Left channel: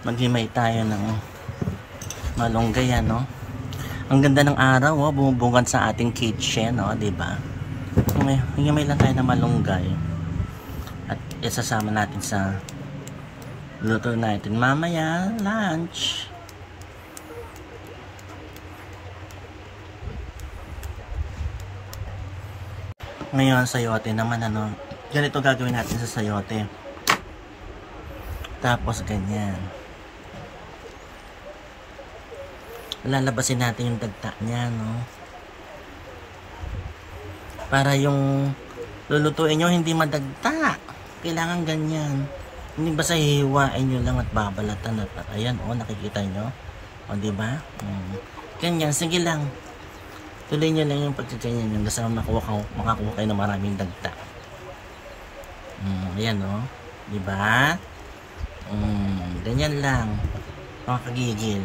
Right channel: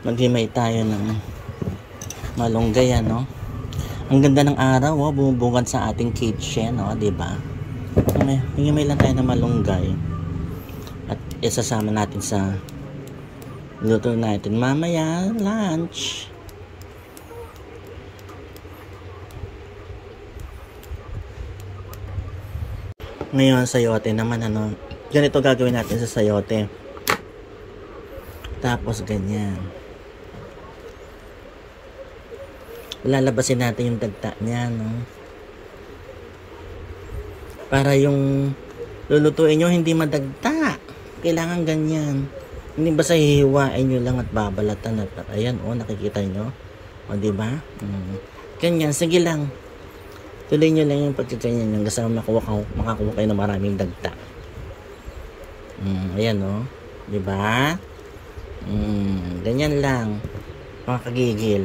Maghimay tayo ng malunggay, ano. Ang ganda ng araw, oh, bumubungad sa ating kitchen, oh, 'di ba? Himay lang tayo ng malunggay at isasama natin sa luto natin mamaya lunch. Ngayon sayote naman, ano, ganito gagawin natin sa sayote. Tapos ganyan, lalabasin natin yung dagta niya, no, para yung lulutuin nyo hindi madagta. Kailangan ganyan, hindi basta hihiwain nyo lang at babalatan at ayan, oh, nakikita nyo, o, diba? Ganyan, sige lang, tuloy nyo lang yung pagkaganyan yung basta makakuha kayo ng maraming dagta. Ayan, oh, diba? Ganyan lang, mga kagigil.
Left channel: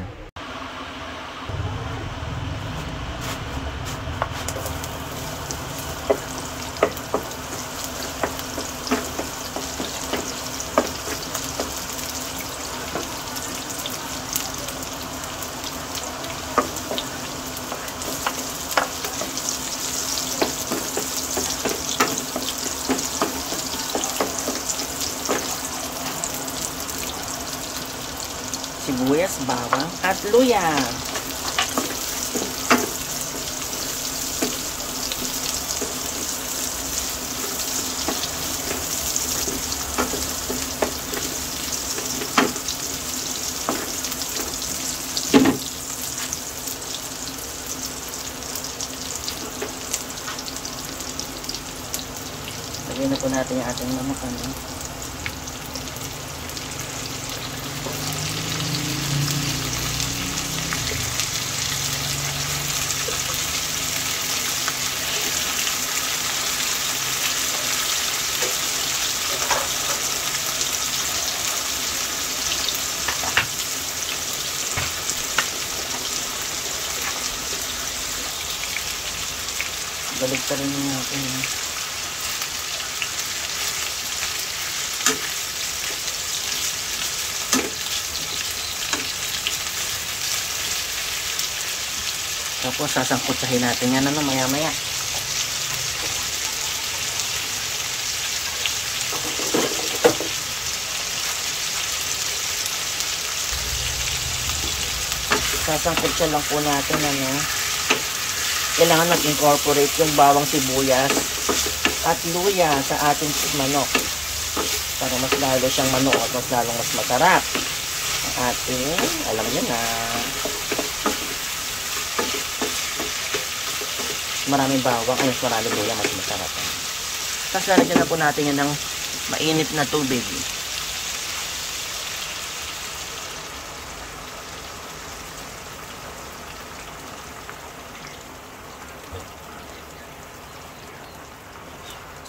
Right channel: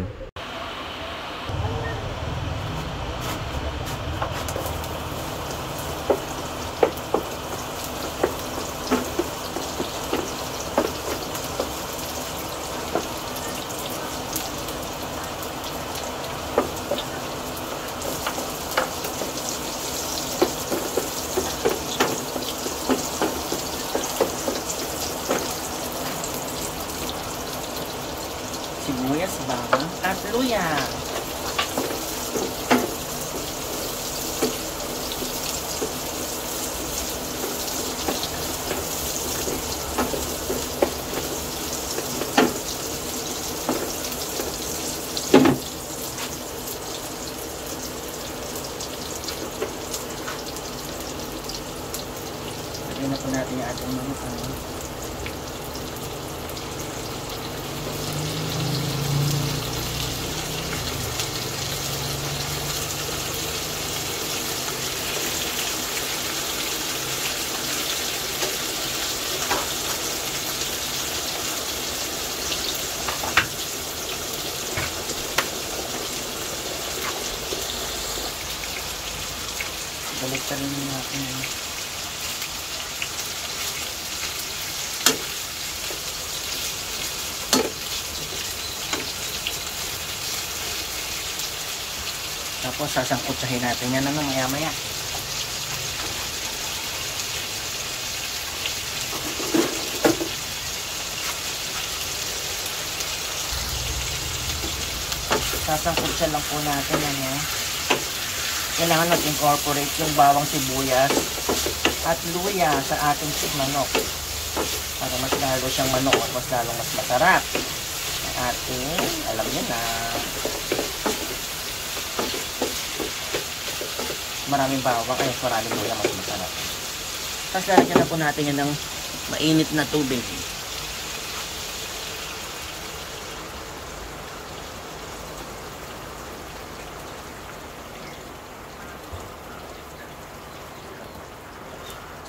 Sibuyas, bawang at luya. Lagyan na po natin yung ating manok, ano. Balik ka rin natin, ha. Tapos sasangkutsahin natin yan, ano, maya maya. Sasangkutsa lang po natin, ano. Kailangan mag-incorporate yung bawang, sibuyas at luya sa ating manok para mas lalo siyang manok at mas lalo mas masarap. Ating, alam nyo na, maraming bawang ay maraming luya, mas masarap. Tapos lagyan na po natin yun ng mainit na tubig.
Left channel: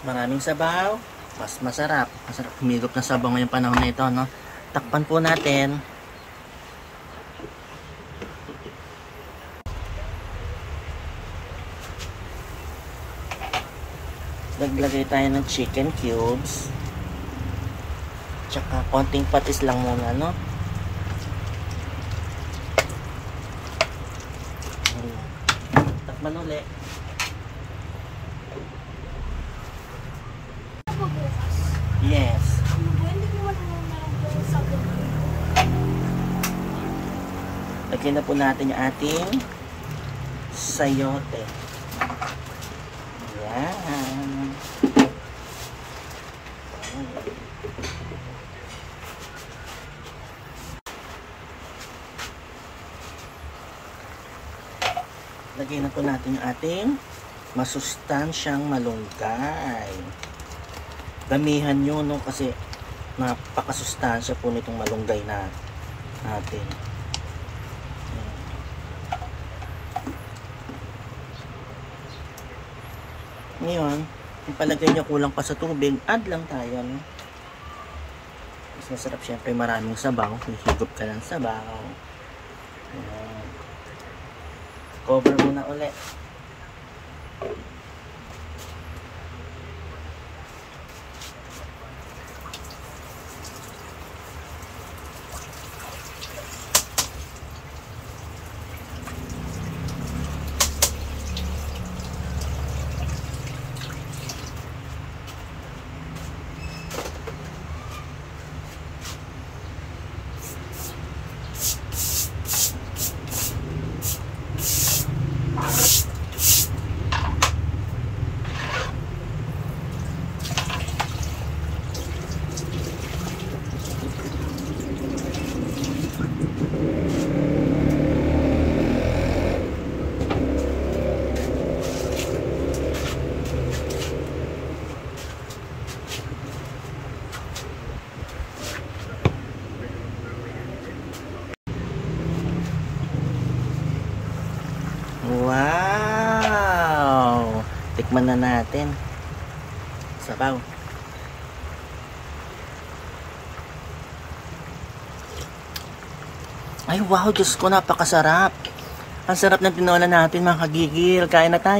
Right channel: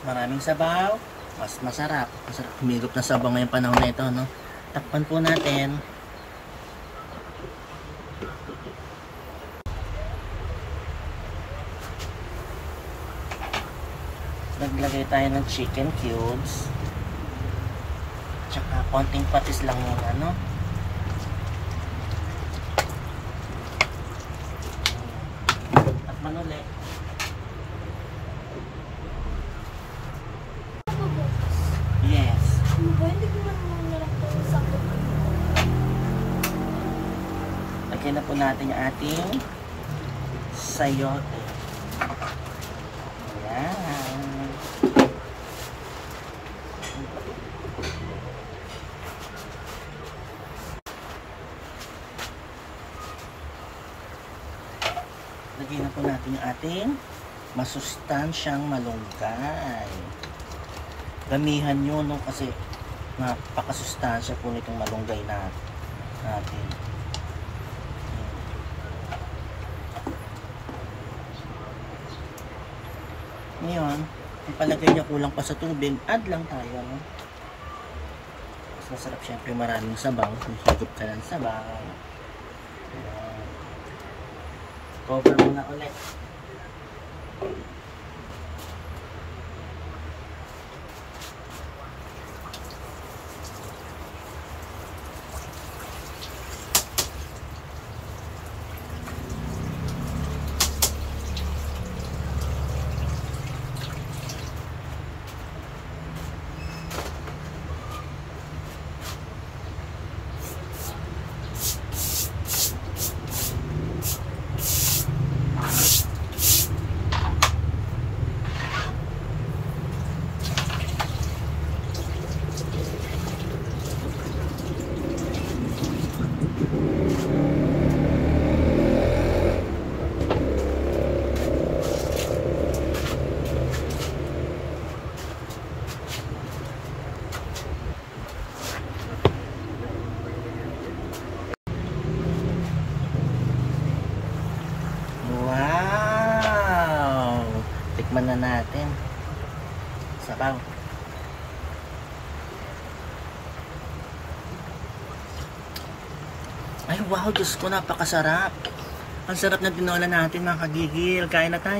Maraming sabaw, mas masarap. Masarap humigop na sabaw ngayong panahon na ito, no? Takpan po natin. Naglagay tayo ng chicken cubes. Tsaka konting patis lang muna, no? Takpan ulit. Yes. Lagyan na po natin yung ating sayote. Ayan. Lagyan na po natin yung ating masustansyang malunggay. Damihan nyo, no, kasi napakasustansya po nitong malunggay natin. Ayan. Ngayon, kung palagay niya kulang pa sa tubig, add lang tayo, no? Mas masarap syempre maraming sabaw. Higop ka lang sabaw. Ayan. Cover muna ulit. Tikman na natin. Sabaw. Ay wow, Diyos ko, napakasarap. Ang sarap ng tinola natin mga kagigil. Kain na tayo.